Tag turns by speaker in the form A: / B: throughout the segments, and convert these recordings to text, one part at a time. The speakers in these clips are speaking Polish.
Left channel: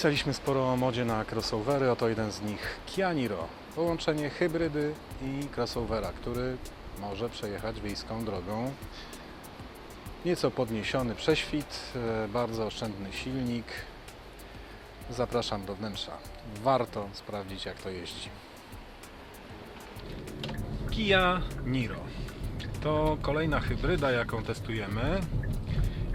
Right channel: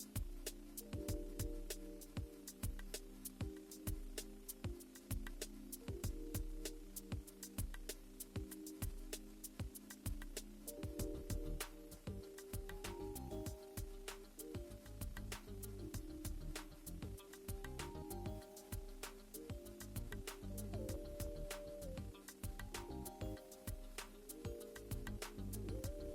A: Pisaliśmy sporo o modzie na crossovery, oto jeden z nich Kia Niro. Połączenie hybrydy i crossovera, który może przejechać wiejską drogą. Nieco podniesiony prześwit, e, bardzo oszczędny silnik. Zapraszam do wnętrza. Warto sprawdzić jak to jeździ. Kia Niro. To kolejna hybryda, jaką testujemy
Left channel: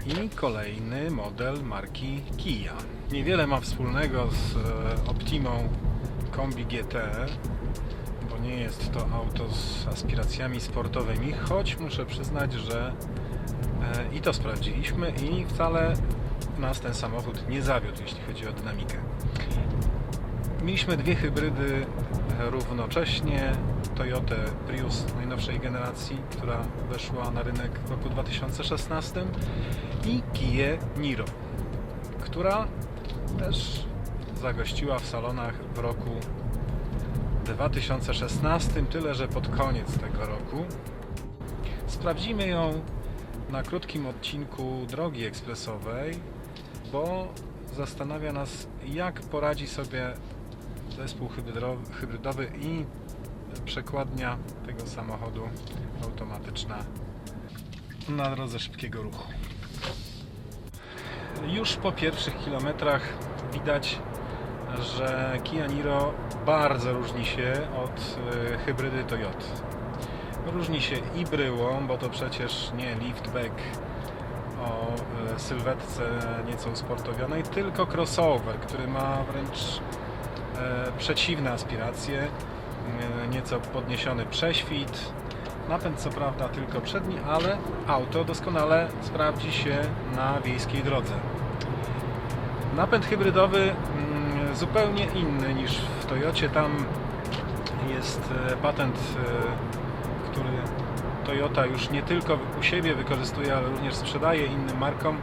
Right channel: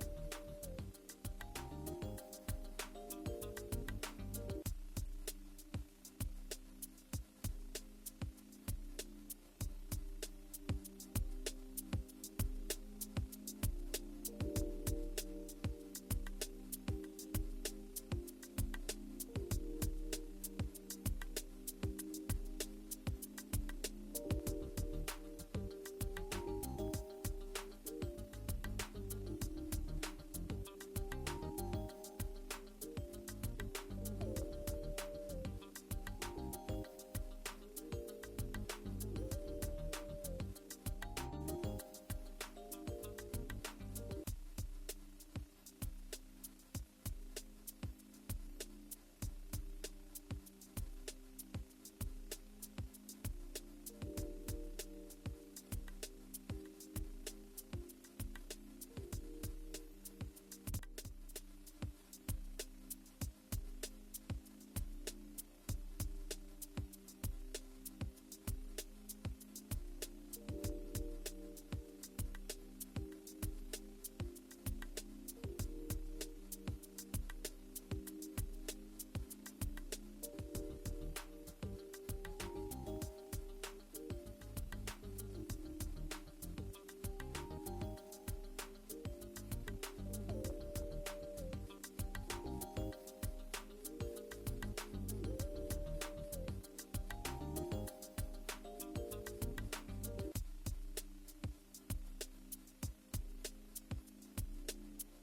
A: i kolejny model marki Kia. Niewiele ma wspólnego z e, Optimą Kombi GT, bo nie jest to auto z aspiracjami sportowymi, choć muszę przyznać, że e, i to sprawdziliśmy i wcale nas ten samochód nie zawiódł, jeśli chodzi o dynamikę. Mieliśmy dwie hybrydy równocześnie. Toyota Prius najnowszej generacji, która weszła na rynek w roku 2016 i Kia Niro, która też zagościła w salonach w roku 2016, tyle że pod koniec tego roku. Sprawdzimy ją na krótkim odcinku drogi ekspresowej, bo zastanawia nas, jak poradzi sobie zespół hybrydo- hybrydowy i przekładnia tego samochodu automatyczna na drodze szybkiego ruchu. Już po pierwszych kilometrach widać, że Kia Niro bardzo różni się od e, hybrydy Toyota. Różni się i bryłą, bo to przecież nie liftback o e, sylwetce nieco usportowionej, tylko crossover, który ma wręcz e, przeciwne aspiracje, nieco podniesiony prześwit, napęd co prawda tylko przedni, ale auto doskonale sprawdzi się na wiejskiej drodze. Napęd hybrydowy mm, zupełnie inny niż w Toyocie. Tam jest e, patent, e, który Toyota już nie tylko u siebie wykorzystuje, ale również sprzedaje innym markom.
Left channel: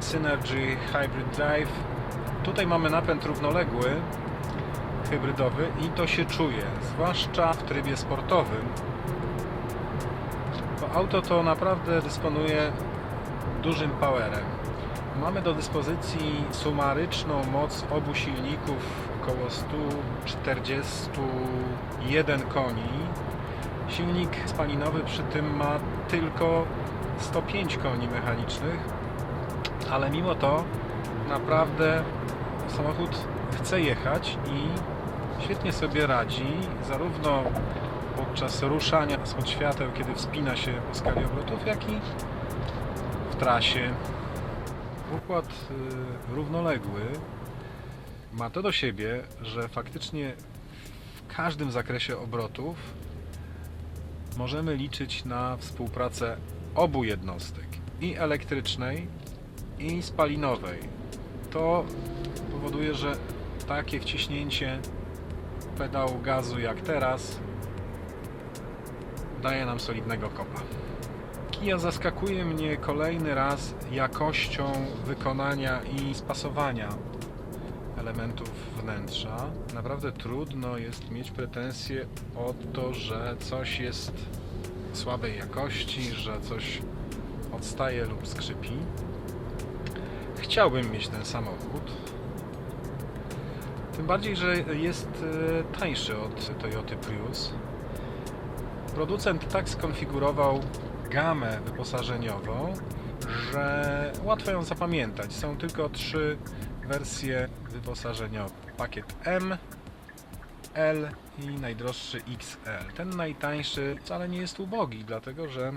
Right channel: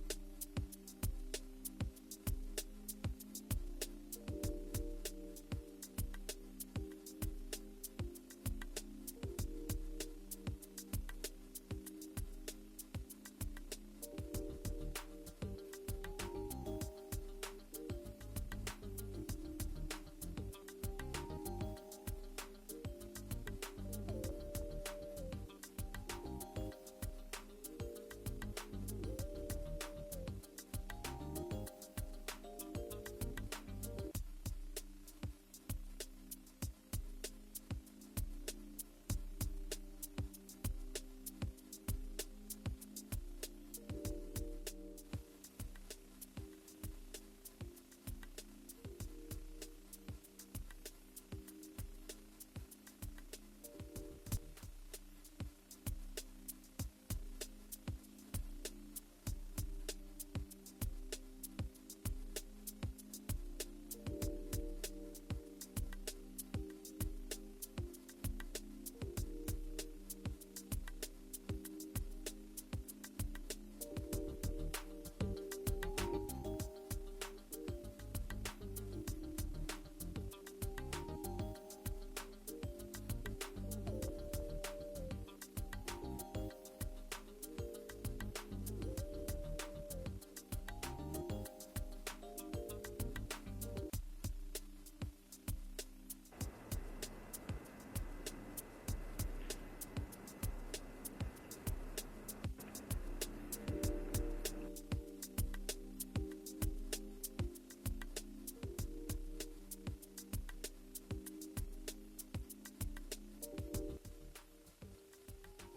A: Synergy Hybrid Drive. Tutaj mamy napęd równoległy, hybrydowy i to się czuje, zwłaszcza w trybie sportowym. To auto to naprawdę dysponuje dużym powerem. Mamy do dyspozycji sumaryczną moc obu silników około 141 koni. Silnik spalinowy przy tym ma tylko 105 koni mechanicznych, ale mimo to naprawdę samochód chce jechać i świetnie sobie radzi, zarówno podczas ruszania spod świateł, kiedy wspina się po skali obrotów, jak i w trasie. Układ y, równoległy ma to do siebie, że faktycznie w każdym zakresie obrotów możemy liczyć na współpracę obu jednostek i elektrycznej i spalinowej. To powoduje, że takie wciśnięcie pedału gazu jak teraz daje nam solidnego kopa. Kia zaskakuje mnie kolejny raz jakością wykonania i spasowania elementów wnętrza. Naprawdę trudno jest mieć pretensje o to, że coś jest słabej jakości, że coś odstaje lub skrzypi. Chciałbym mieć ten samochód. Tym bardziej, że jest e, tańszy od Toyota Prius. Producent tak skonfigurował gamę wyposażeniową, że łatwo ją zapamiętać. Są tylko trzy wersje wyposażeniowe. Pakiet M, L i najdroższy XL. Ten najtańszy wcale nie jest ubogi, dlatego że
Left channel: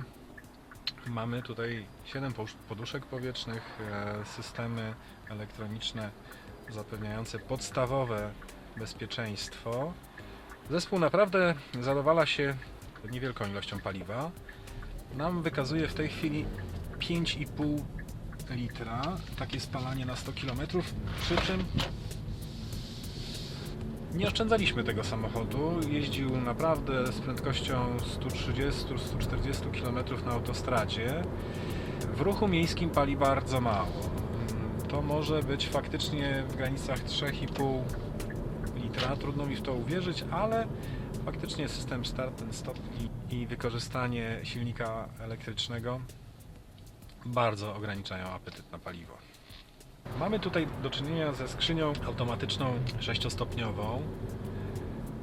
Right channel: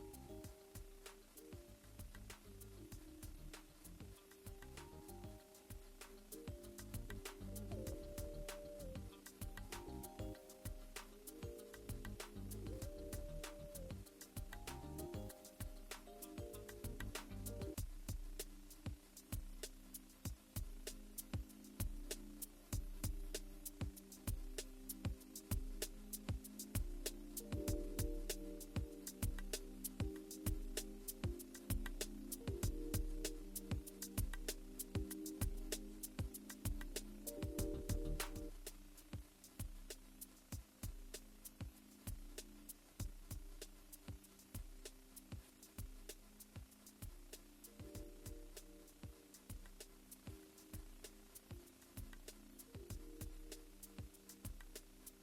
A: mamy tutaj 7 posz- poduszek powietrznych, e, systemy elektroniczne zapewniające podstawowe bezpieczeństwo. Zespół naprawdę zadowala się niewielką ilością paliwa. Nam wykazuje w tej chwili 5,5 litra, takie spalanie na 100 km, przy czym nie oszczędzaliśmy tego samochodu. Jeździł naprawdę z prędkością 130-140 km na autostradzie. W ruchu miejskim pali bardzo mało. Mm, To może być faktycznie w granicach 3,5 litra. Trudno mi w to uwierzyć, ale faktycznie system start and stop i, i wykorzystanie silnika elektrycznego bardzo ograniczają apetyt na paliwo. Mamy tutaj do czynienia ze skrzynią automatyczną sześciostopniową,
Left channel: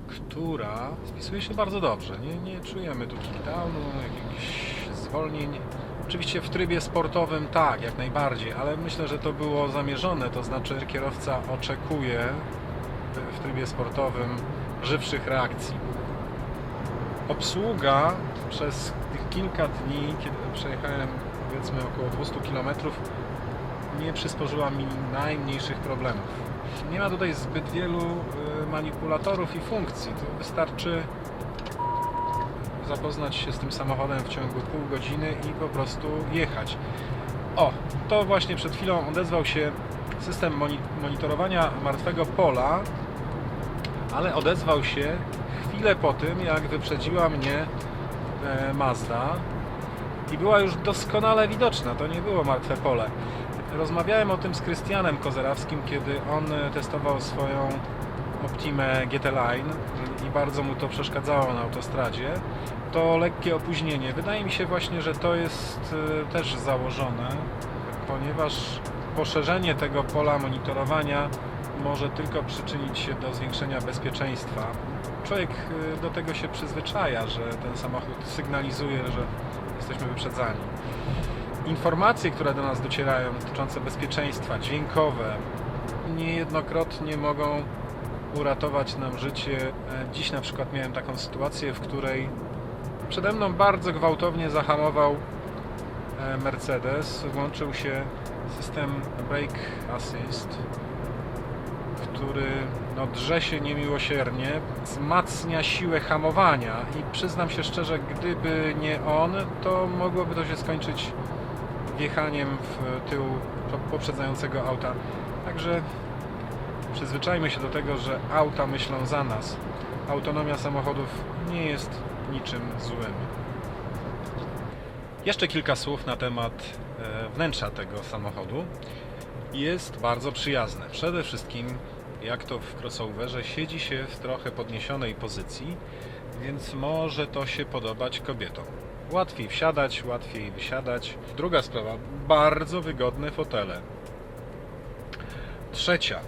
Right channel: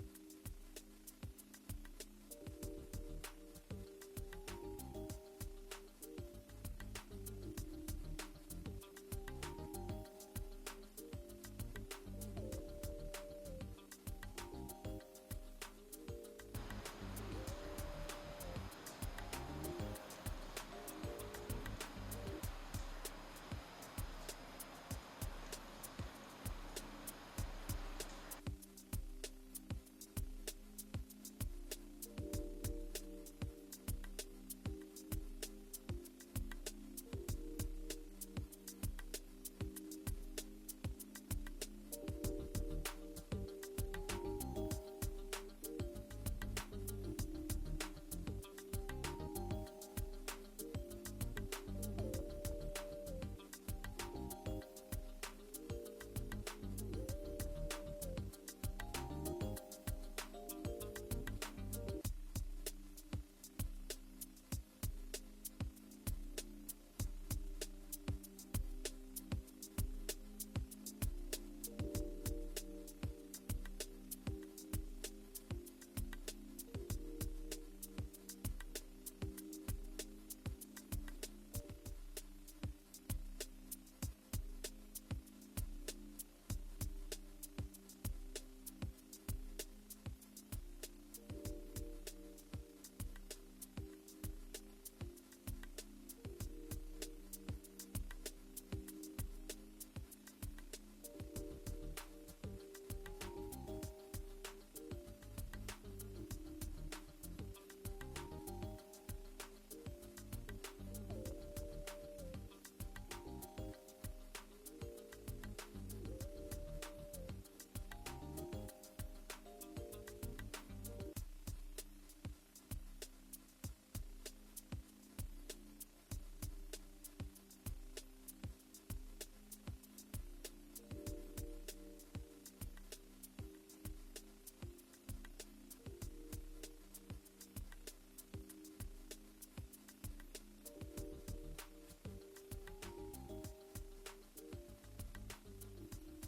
A: która spisuje się bardzo dobrze. Nie, nie czujemy tu kickdownu, jakichś zwolnień. Oczywiście w trybie sportowym tak, jak najbardziej, ale myślę, że to było zamierzone, to znaczy kierowca oczekuje w trybie sportowym żywszych reakcji. Obsługa przez tych kilka dni, kiedy przejechałem powiedzmy około 200 km, nie przysporzyła mi najmniejszych problemów. Nie ma tutaj zbyt wielu y, manipulatorów i funkcji. Tu wystarczy zapoznać się z tym samochodem w ciągu pół godziny i po prostu jechać. O, to właśnie przed chwilą odezwał się system moni- monitorowania martwego pola, ale odezwał się chwilę po tym, jak wyprzedziła mnie e, Mazda i była już doskonale widoczna. To nie było martwe pole. Rozmawiałem o tym z Krystianem Kozerawskim, kiedy on e, testował swoją Optimę GT Line i bardzo mu to przeszkadzało na autostradzie. To lekkie opóźnienie. Wydaje mi się właśnie, że to jest e, też założone, ponieważ poszerzenie tego pola monitorowania może tylko przyczynić się do zwiększenia bezpieczeństwa. Człowiek y, do tego się przyzwyczaja, że ten samochód sygnalizuje, że jesteśmy wyprzedzani. Informacje, które do nas docierają dotyczące bezpieczeństwa, dźwiękowe, niejednokrotnie mogą uratować nam życie. E, Dziś na przykład miałem taką sytuację, w której przede mną bardzo gwałtownie zahamował e, Mercedes. Włączył się system Brake Assist, który no, drze się niemiłosiernie, wzmacnia siłę hamowania i przyznam się szczerze, gdyby nie on, to mogłoby to się skończyć wjechaniem w tył po- poprzedzającego auta. Także przyzwyczajmy się do tego, że auta myślą za nas. Autonomia samochodów nie jest niczym złym. Jeszcze kilka słów na temat e, wnętrza tego samochodu. Jest bardzo przyjazne. Przede wszystkim, jak to w crossoverze, siedzi się w trochę podniesionej pozycji, więc może to się podobać kobietom. Łatwiej wsiadać, łatwiej wysiadać. Druga sprawa, bardzo wygodne fotele. Trzecia,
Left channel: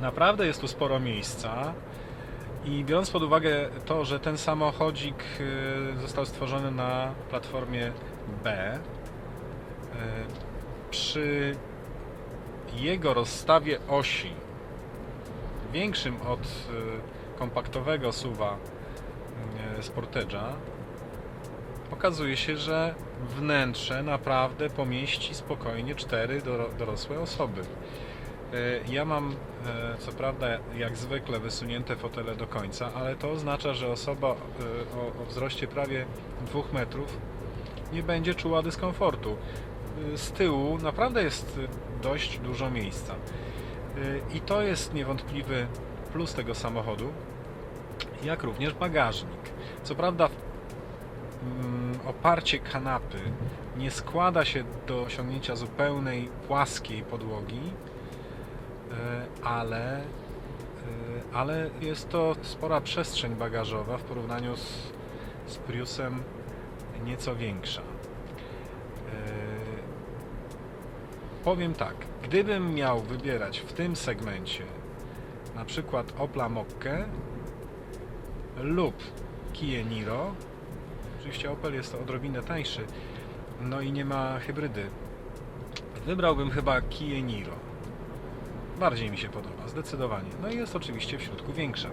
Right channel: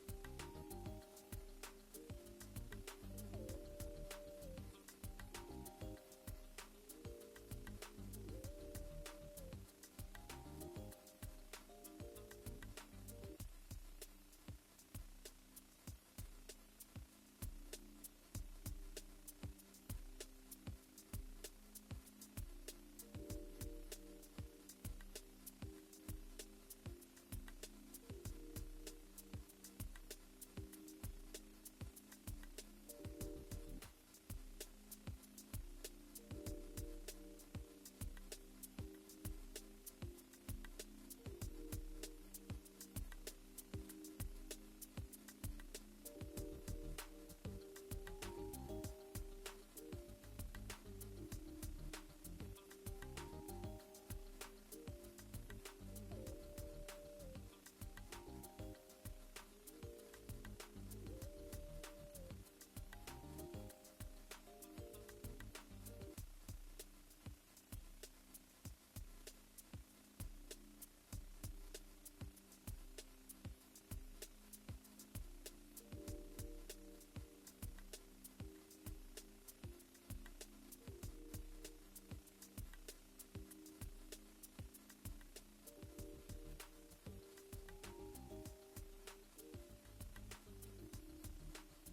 A: naprawdę jest tu sporo miejsca i biorąc pod uwagę to, że ten samochodzik y, został stworzony na platformie B, y, przy jego rozstawie osi większym od y, kompaktowego suwa y, Sportage'a okazuje się, że wnętrze naprawdę pomieści spokojnie cztery doro- dorosłe osoby. Y, Ja mam co prawda jak zwykle wysunięte fotele do końca, ale to oznacza, że osoba o, wzroście prawie 2 metrów nie będzie czuła dyskomfortu. Z tyłu naprawdę jest dość dużo miejsca. Y, I to jest niewątpliwy plus tego samochodu, jak również bagażnik. Co prawda mm, oparcie kanapy nie składa się do osiągnięcia zupełnej płaskiej podłogi, y, ale, y, ale jest to spora przestrzeń bagażowa w porównaniu z, z Priusem nieco większa. Powiem tak, gdybym miał wybierać w tym segmencie na przykład Opla Mokkę lub Kia Niro, oczywiście Opel jest odrobinę tańszy, no i nie ma hybrydy, wybrałbym chyba Kia Niro. Bardziej mi się podoba, zdecydowanie. No i jest oczywiście w środku większa.